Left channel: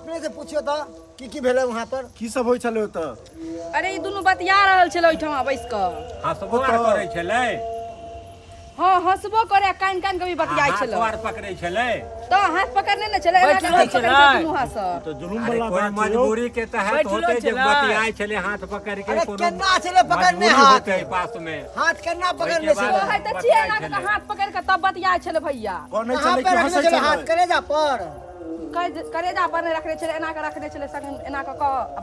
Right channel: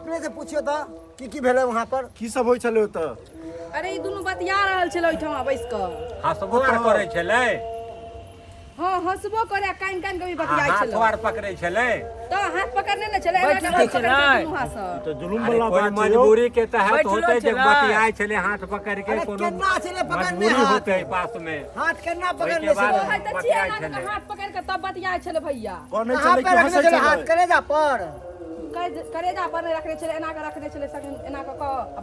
अपने से पूछियो तो की भेले वहां पर की सब होय छले त अरे ई दुनू बतिया रहल छले ओइठमा बैस क हंसबो करे छले हां हंसबो करे कान कान कभी बतियाइ छले हाथ पकड़े छले तो हाथ पकड़ने न छले बैठ एना छले तो जुलुम वाला बात है मजबूरी के तहत होते जब बतियाए छले हाथ पकड़ के कोनो केना छले पकड़ने मजबूरी हाथ होते पास में हाथ केना पकड़ने छले हां त चेहरा के हाथ पकड़ के तब बतियाइ छले भैया कोने कहां चले पे कि रखने हंसे छले हाथ छले करेजा पर करेजा पर रखने छले एना के रखने छले सगन एना के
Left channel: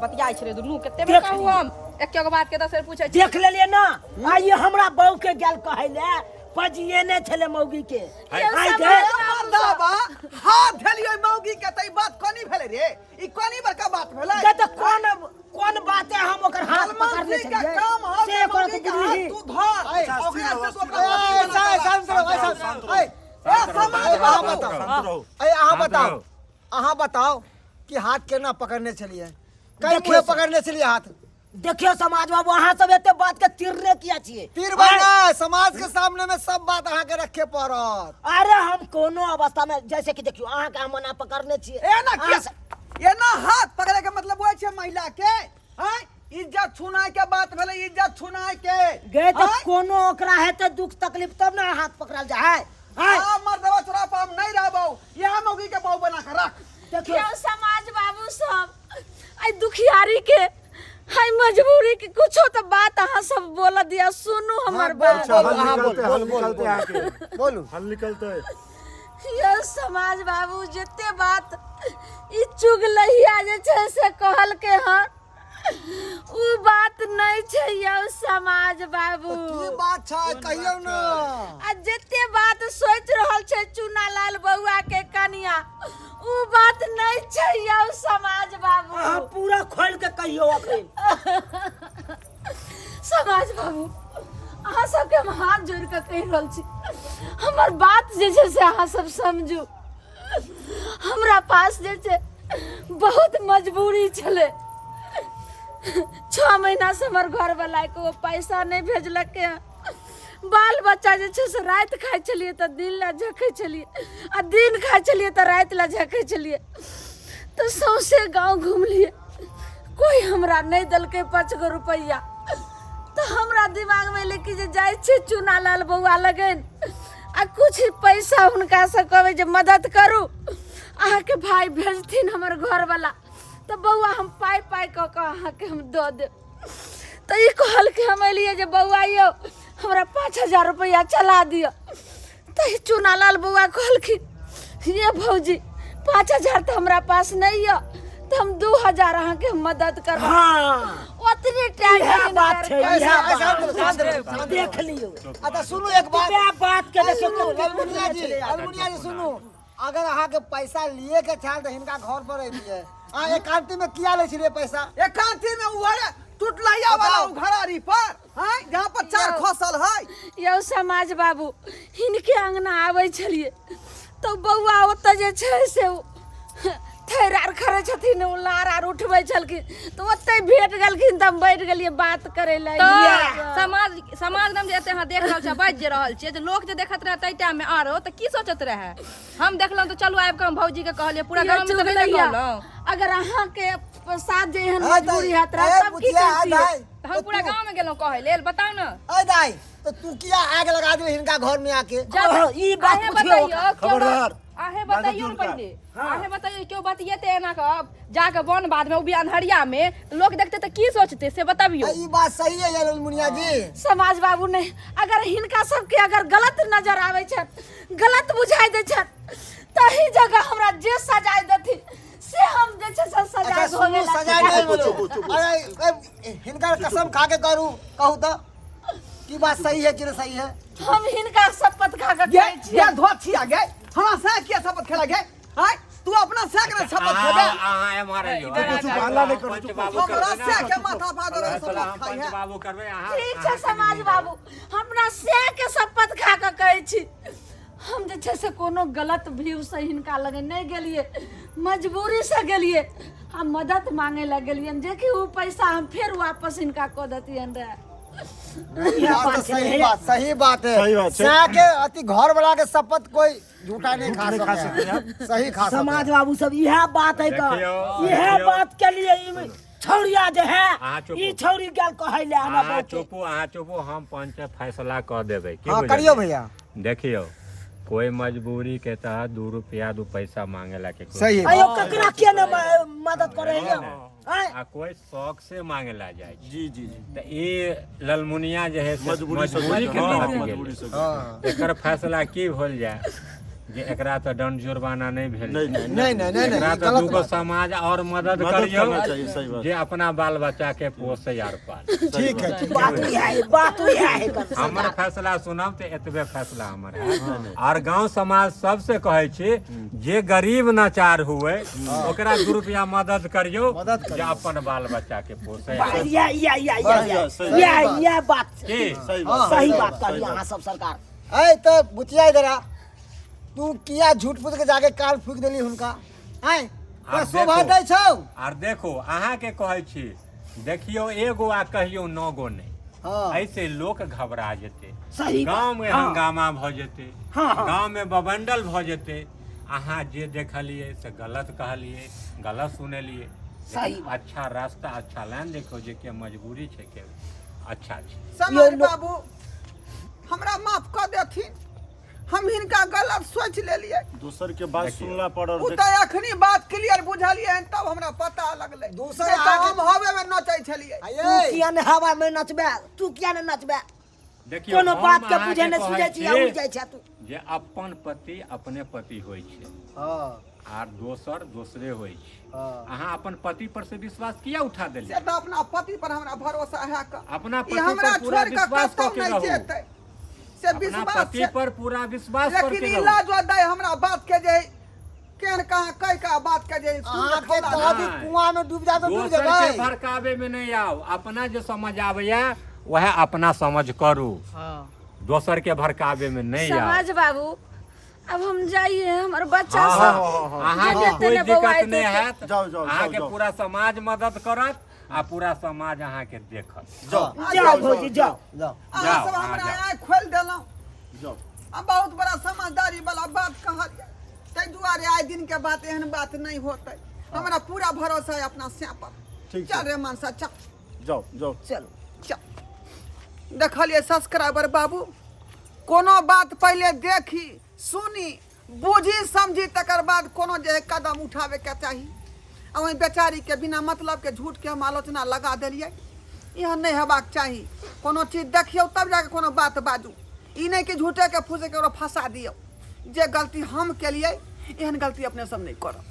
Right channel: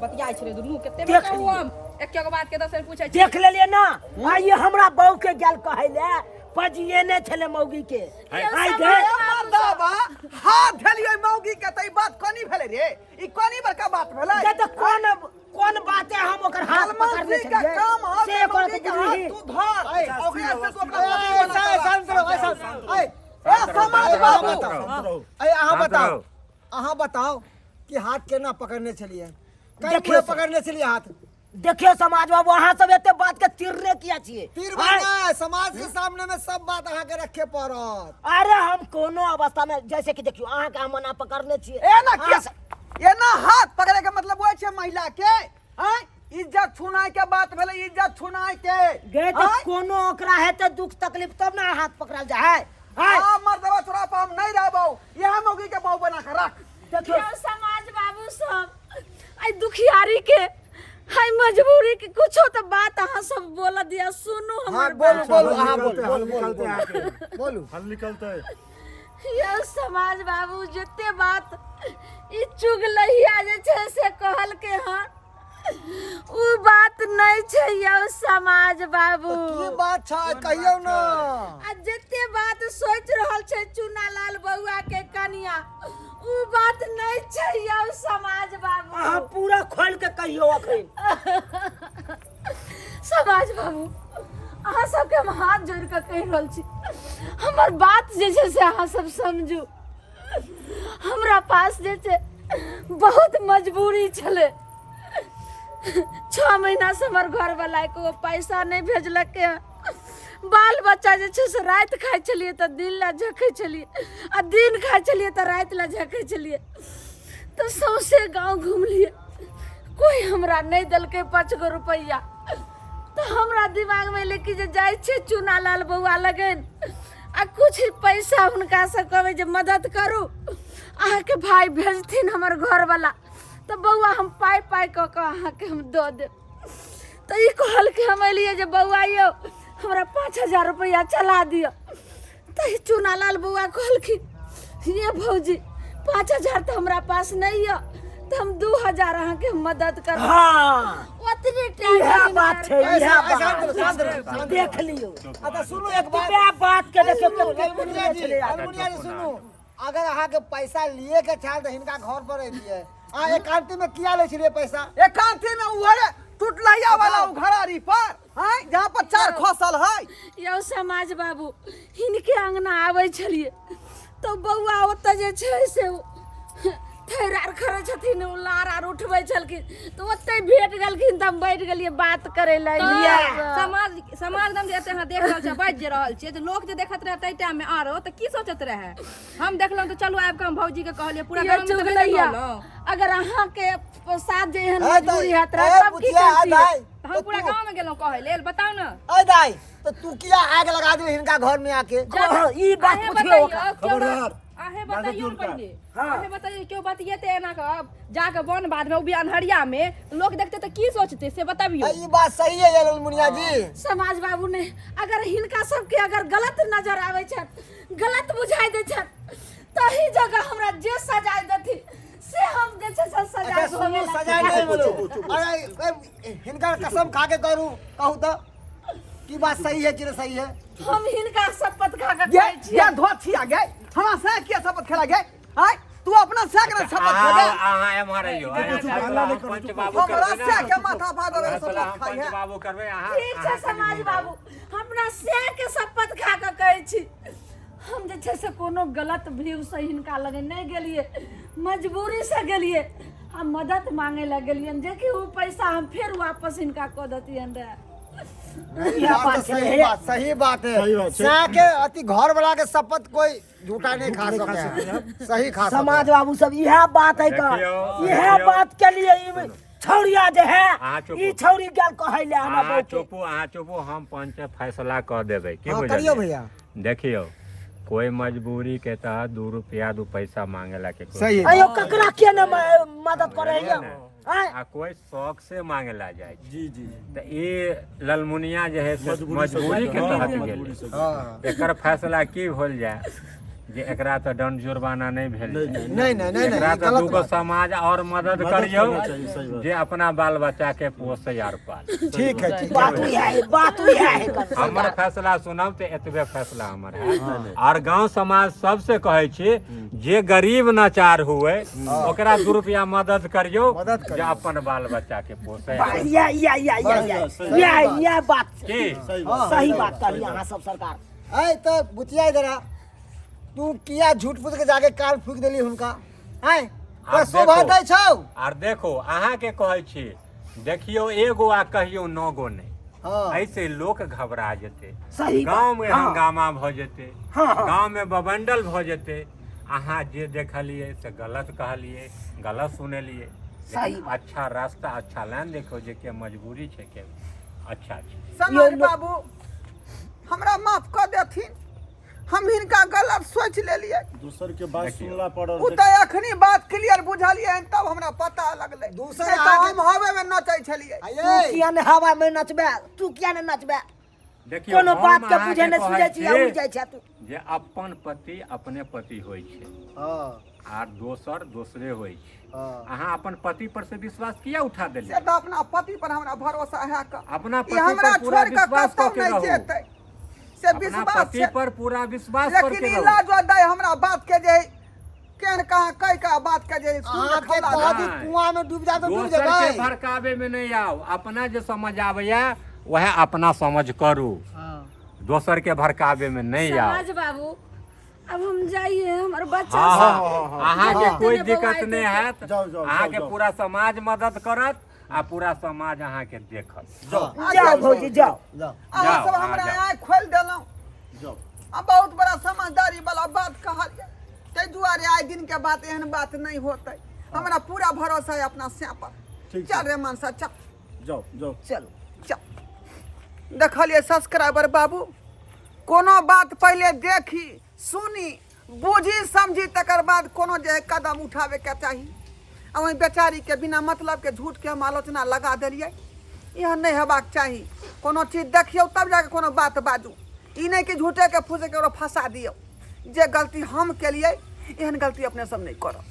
बतियाइ छले दुनू कते बताऊ हम एक बात के दसर पूछै छी देख लेलिए ना आइए हमरा बहू के गेल कहले पजिए ने छले मौगी के आई गे मर्दाबा हाथ भेलिए मौगी के तई बात कोनी भेले रे ई कोनी बड़का बात भेले तो कौन बात है हम ओकर हाथ पकड़ने छलिए से ओकर तो बुझी तू धर ओकरा से तो ओकरा अहाँ बताओ कि हाथ केना पकड़ने छलिए कई मुहे पकड़ने छलिए हाथ देखियो समाज बाबू अहाँ सब एते बात के तिरने किया छिए तीर बाना समाज के सामने में सब बात अहाँ के रखे पड़त अरे हम कोनो अवस्था में जैसे कि देखियो अहाँ के हम ना पकड़ने छिए ए ना के ए ना हाथ पकड़े के मतलब होय छे महिला के हैं इज्जत छुनाय के बात भेले इज्जत छुनाय के गे तो कोनो ओकरा है तो दुख तकलीफ तब ना हाथ पकड़ल जाए हां मर्दवा छोरा पर हम नहीं रहबो यहां मौगी के बहू बना के रख देखियो समाज बाबू सब आई दुखियारी के हाय मजबूरी के कुछो तो बात अहाँ सब बोल दिया सुनू हमर बोलू हल निकलते ये समाज बाबू जते बात ई चुगलहिया जे छै से कहल के ह उ बात नहीं छै यौ समाज बाबू की बात छै कहियो ना आ जते बात सोच रहल छै चुनालाल बउआ के कनिया उ बात नहीं छै यौ समाज बाबू अहाँ पूरा खोल के कहियो अखन समाज बाबू अहाँ सबके हम हाथ जोड़ के कहि रहल छी हमर बात जे छै से अहाँ सब समझू हमरा पास जे छै बहुत मजबूरी छले 6 महीना से हमर घर वाला को पैसा नहीं भेजलक बाल बच्चा जे छै से रात खाइ छलिए त दिन ला झकै छलिए आ दिन खाइ छलिए त रात ला झकै छलिए तो सौसे गांव घूम लिए कोई हमरा नहीं दलके 5 गो रुपया तो हमरा दिमाग में लेके जे जाय छे चुनालाल बउआ लगन आ कुछ पैसा हुनका से कहबे जे मदद करू अहाँ के भाई भेजथिन हमर घर वाला तो बउआ हम पाई क अहाँ के हम द दे तो ई कहल के हम एलिए जे बउआ यो हमरा 5000 रुपया चला दियो तो ई चुनालाल बउआ कहल कि ये भौजी 5000 तो हमरा पास नहीं है तो हम 2000 अहाँ के मदद कर हां ओतने टाइम बात है शांत देख लियो अच्छा सुनो एक बात के देखियो अलमुनिया जी सुनो अगर अहाँ के पैसा लिए के चाल त हिनका घर पर एलिए आ एकांती में किया ले छलिए पैसा एकांती में उहरे टूटलैया वाला उघरारी पर हैं जहां पर 4 खसल है यौ समाज बाबू हिनके अंगना आबै छलिए तो बउआ ओत जे छै से थैरार खरे छथिन लार आर उठबै छलखिन तो ओतै भेट गेलखिन त हम बैठ गेलिए बात करे ले समाज नाम जे एते अहाँ देख रहल छ बाज जे रहल छियै जे लोग जे देखत रहे तै टाइम में आरो त की सोचत रहे हम देखलौ तो चलू आबि के हम भौजी के कहलिए पूरा गांव में चुगलैया अगर अहाँ के साथ जे एहन मजबूरी हैत रह तब की करती हम पूरा गांव में गेलौ कहै लेल बताउ न ए दाई तो तू किया आग लगा दिए हिनका घर में आके ई बात पूछियो खबरदार आहे बताइयो पहले आहे बताइयो क्यों बतिएते एना का जाके वन बाद में उबियान हरिया में लोग देखते तो की सोचते से बताबियो ई बात सही है अलमुनिया जी समाज बाबू नहीं अगर हिनका सब के अगर गलत नजर आवे छै गलत बुझाई दे छै तही जगह हमरा जे सजाय देथि से हम जे छै सजाय होवे सजाय नहीं बोलो अरे हिनका कसम खा के कहू तो की बात सही है कि नहीं सही है हम हिनका शपथ खा के कहै छी ये धोथिया गए हमरा से के शपथ खेला गए हैं तू अपना से के शपथ खेबे हां मारे यो पंच बाबू हमरा से के माथा फाड़ रे शपथ खाई पंच है बाबू करबे अहाँ ठीक छै समाज बाबू हमरा से के शपथ खा के कहै छी हम जे छै से कोनो गलत व्यू से हिनका लगे नहीं गेलिए मजबूरी से गेलिए हम मदद मांगे ला गेलिए जे कि उ पैसा हम फिर वापस इनका क देतियन रे यह बात सही है। बात सही बात है सही बात है। सह के अति घर वाला के शपथ कोई झूठा नहीं खा सकता है सही खा सकता समाज है बाबू सब यह बात है का देखियो, यह देखियो। बात के लिए छौड़िया जे है अहाँ चुप ई हो। छौड़ी गल कहले हमरा अहाँ बहू के चुपू अहाँ चुपू हम पंच फैसला कऽ देबै की हाँ बुझलियै? करियो भैया देखियो कोई मजबूरी के तहत 2 रुपया 2 पैसा मांगेला के कोई सही है अयो ककरा के न मदद करे है आ कोई शौक से मांगेला जाए छै। जी जी त ई ललमुनिया जे है से मजबूरी के हाँ, तहत मजबूरी गेलै। से। हाँ एकर फैसला की होल जाए जे एकरा तो दंड जुर्माना नहीं भेल नहीं जाए। नहीं नहीं नहीं नहीं एकरा नहीं तो गलत दूगो बात है। समाज और मदद मदद करियो करना चाहिए, सही बात। जे अपना बाल बच्चा के पोसे आर पाल। ठीक है ठीक बात है ही है बात ही है हमर फैसला सुनब तो एतबे फैसला हमर है और गांव समाज सबसे कहे छी जे गरीब नाचार हुए ओकरा 2 रुपया मदद करियो मदद करियो। जे अपन बाल बच्चा के पोसे या बात की सही बात सही बात कही अहाँ सब सरकार ऐ तो बुचिया इधर आ तू किया झूठ फूट के जाके काल फूक देली हुनका हैं तो आब शोभा देखो। दै छौ और देखो अहाँ के कहे छी देखियो एगो आ कहियो 9 गो नहीं हाँ ऐसे लोग घबरा जेते सही बात। गांव में हाँ। हंगामा भ जेते हाँ, हाँ। गांव में बबंडल भ जेते अहाँ जे देखलिए से गलत कहलिए गलत सुनेलिए सही लेकिन अच्छा रास्ता अच्छा लाइन देखो जे के मजबूरी छै के अच्छा छै समाज बाबू हमरा माफ कर देथिन हम हिनका गलत सोच लेलिए दूसर के बात देखियो। सुनला पर उ त अखनी बात क्लियर बुझलिए तब हमरा पता लगले दूसर नहीं तो आगे- हम हवे में नचै छलिए तू आये किया ने हवा में नचबे तू किया ने नचबे देखियो कोनो हम बात के अहाँके बुझे ने कहै सुझे छी छी उड़ जाय छै तू जे अपन पति अपने पति होइ छै हाँ आर दोसर दोसरे होइ छै हाँ अहाँ अपन पति पर से विश्वास किया उठा से देलिए तो अपना पति पर हमरा भरोसा है का अपना ई पति हमरा पर पूरा छोड़ के विश्वास कतौ करके नहीं रहू जेतै से अपना विश्वास पति छै पर पूरा विश्वास लेकिन करके ई रहू लाज दै हमरा बात के जे केहन कहाँ कई का बात के जे अहाँ के खौला तो अभी नहीं। कुआं में डूब जा तो डूब दोसर के जेबै भड़कावे में नहीं आओ अपना जे समझ आबैया वह अपना समझ करू हाँ दोसर के भड़कावे में नहीं आओ समाज बाबू अब हम जाइए हमारे बच्चा हाँ, सब हाँ, अहाँ के कोई तेने दिक्कत बौआइ नहीं देतै। हैत जाओ, जाओ, अहाँ के जाओ। पूरा समाज मदद करत आ पूरा समाज अहाँ के देखत जाओ भौजी जाओ जाओ अहाँ जाओ, सब अहाँ हमरा जाओ। आँख खोल देलहुँ जाओ अब बहुत बड़ा समझदारी वाला बात कहल जाए ताहि दुआरे आइ दिन के बात एहन बात नहीं होतै हमरा पूरा भरोसा है अपना स्या पर ठीक चल छै। रे मनसा चल जाओ जाओ चलो चल देखलिए सब्सक्राइबर बाबू कोनो बात पहले देखी सुनी बुझी समझी तकर बाद कोनो जे है कदम उठावे के चाही आ वही बेचारी के बिना मतलब के झूठ के हम आलोचना लगा देलिए यह नहीं हेबाक चाही कोनो चीज देखियो तब जाके कोनो बात बाजू ई नहीं कि झूठे के फूसे के फंसा दियो जे गलती हम केलिए एहन गलती अपने सब नहीं करब